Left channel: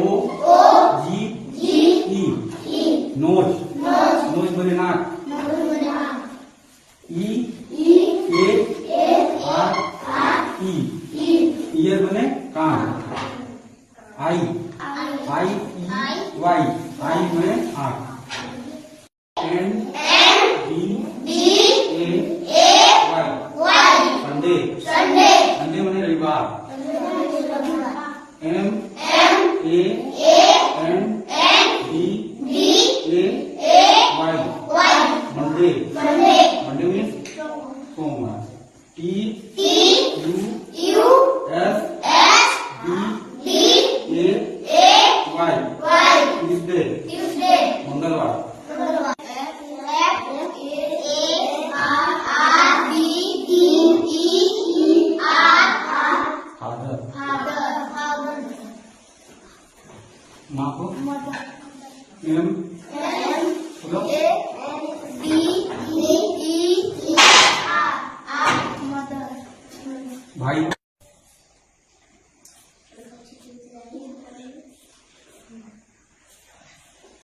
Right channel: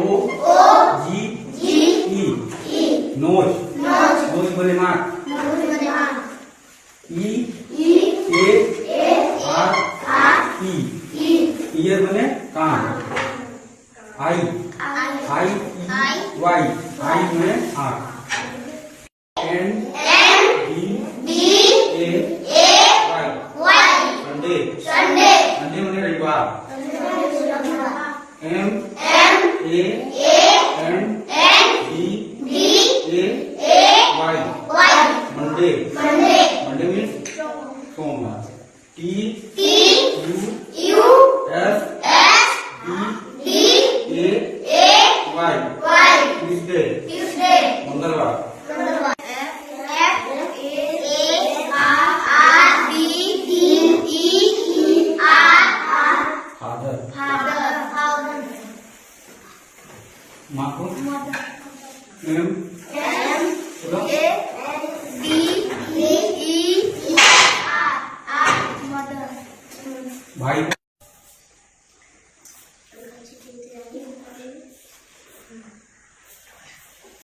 ओ जी ई nose nose बने नाक ई A R E year बने कान आई आई वाई आई बने आंख N D A Y Sunday Sunday बने रविवार M A N D A Y Monday Monday means सोमवार T U S D A Y Tuesday मंगलवार माँ को एम भाई